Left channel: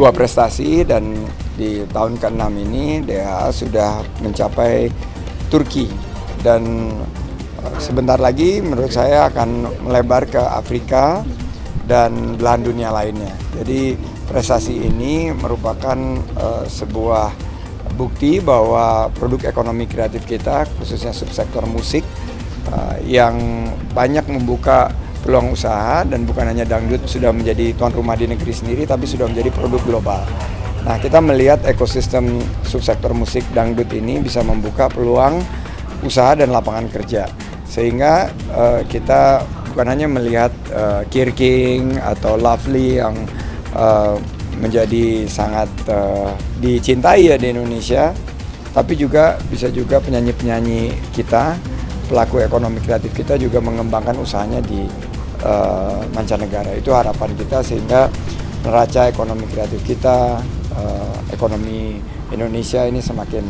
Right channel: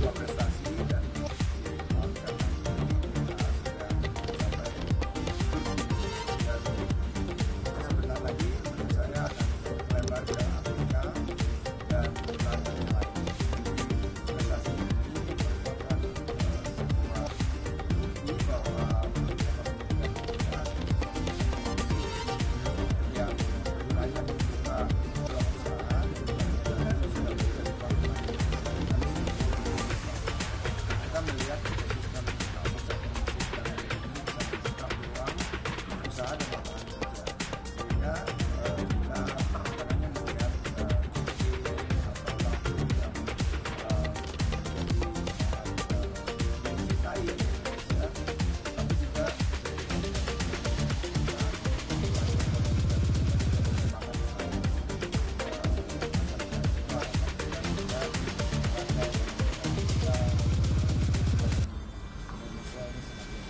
sebuah prestasi, dan di tahun ke-6 ini DHA sudah mencapai Turki, dan sebentar lagi menurut saya akan melebar ke Afrika dan belahan dunia lainnya. Jadi prestasi ini merupakan sebuah bukti bahwa produk ekonomi kreatif kita, khususnya subsektor musik, yang banyak membuka peluang usaha, dan bukan hanya dangdut sudah menjadi tuan rumah di negeri sendiri, tapi sudah menjadi produk global. Nah, kita melihat ekosistem subsektor musik dangdut ini bisa membuka peluang usaha dan lapangan kerja, sehingga kita bukan hanya melihat Kirking atau Lovely yang menjadi sangat dicintai ya di Indonesia, tapi juga bisa juga penyanyi-penyanyi kita, pelaku ekonomi kreatif kita juga mengembangkan usahanya di mancanegara. Itu harapan kita, sehingga neraca ekonomi kreatif kita, ekonomi Indonesia ini semakin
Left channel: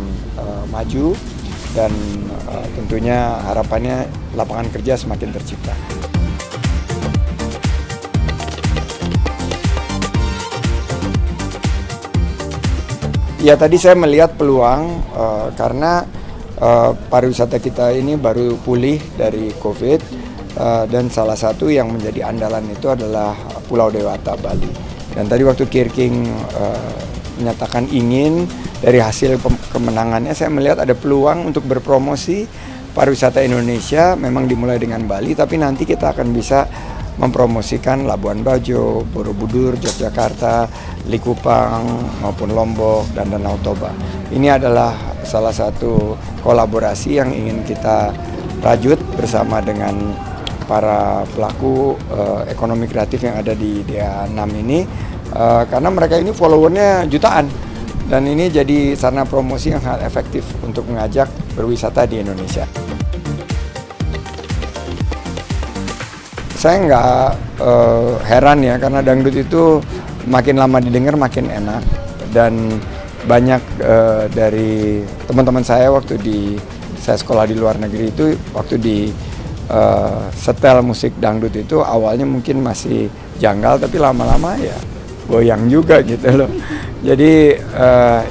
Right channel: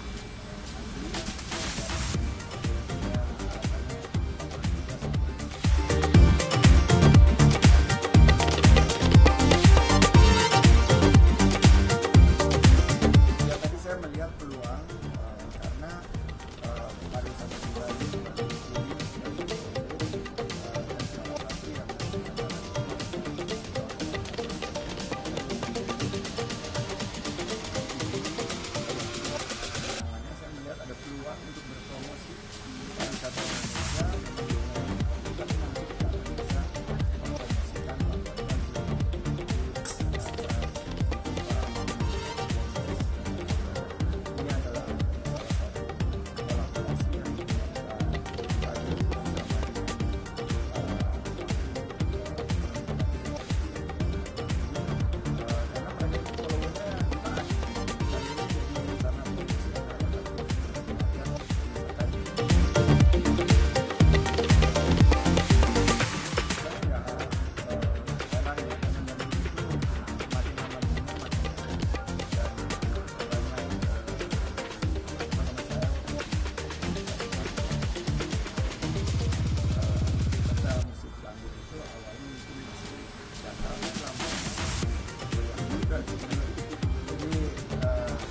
maju, dan tentunya harapannya lapangan kerja semakin tercipta. Ya, tadi saya melihat peluang karena pariwisata kita ini baru pulih dari COVID, dan salah satu yang menjadi andalan itu adalah Pulau Dewata, Bali. Dan tadi waktu Kirking menyatakan ingin, dari hasil kemenangannya saya melihat ada peluang untuk berpromosi pariwisata Indonesia. Memang dimulai dengan Bali, tapi nanti kita akan bisa mempromosikan Labuan Bajo, Borobudur, Yogyakarta, Likupang, maupun Lombok, dan Danau Toba. Ini adalah salah satu kolaborasi yang ingin kita rajut bersama dengan para pelaku ekonomi kreatif yang ada di DHA 6 ini, karena mereka ini followernya jutaan, dan ini jadi sarana promosi yang sangat efektif untuk mengajak berwisata di Indonesia. Saya nggak heran ya, karena dangdut itu makin lama didengar makin enak, dan banyak dari teman-teman saya waktu saya sekolah di luar negeri itu, waktu di setel musik dangdut itu awalnya mungkin masih janggal, tapi lama-lama ya goyang juga gitu loh. Jadi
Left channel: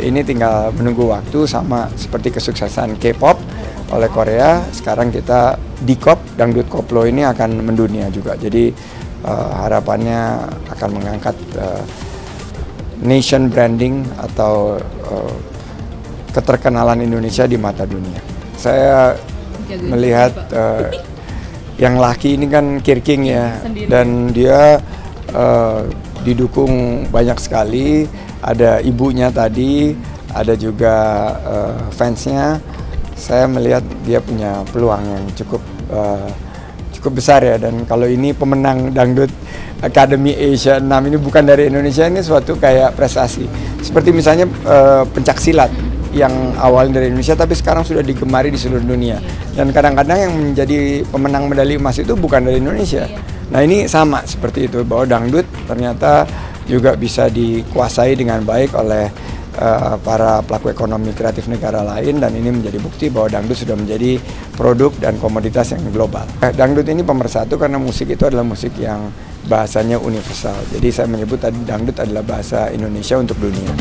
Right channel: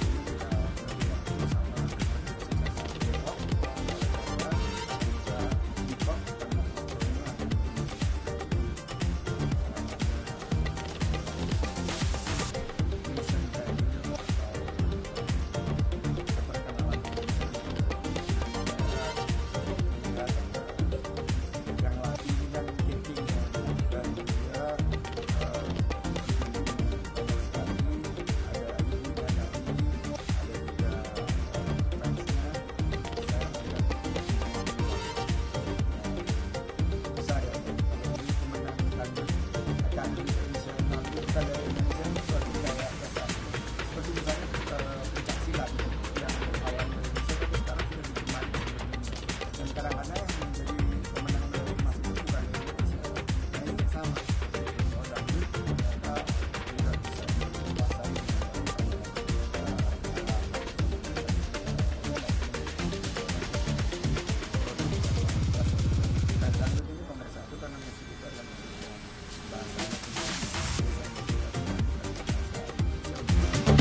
ini tinggal menunggu waktu, sama seperti kesuksesan K-pop oleh Korea, sekarang kita D-pop, dangdut koplo ini akan mendunia juga. Jadi harapannya akan mengangkat nation branding atau keterkenalan Indonesia di mata dunia. Saya melihat yang laki ini kan Kirking ya, dan dia didukung banyak sekali. Ada ibunya tadi, ada juga fansnya. Saya melihat dia punya peluang yang cukup besar ya, dan kalau ini pemenang Dangdut Academy Asia 6 ini bukan dari Indonesia, ini suatu kayak prestasi. Seperti misalnya pencaksilat yang awalnya dari Indonesia tapi sekarang sudah digemari di seluruh dunia. Dan kadang-kadang yang menjadi pemenang medali emas itu bukan dari Indonesia. Nah, ini sama seperti itu, bahwa dangdut ternyata juga bisa dikuasai dengan baik oleh para pelaku ekonomi kreatif negara lain, dan ini menjadi bukti bahwa dangdut sudah menjadi produk dan komoditas yang global. Dangdut ini pemersatu karena musik itu adalah musik yang bahasanya universal. Jadi saya menyebut tadi dangdut adalah bahasa Indonesia untuk dunia.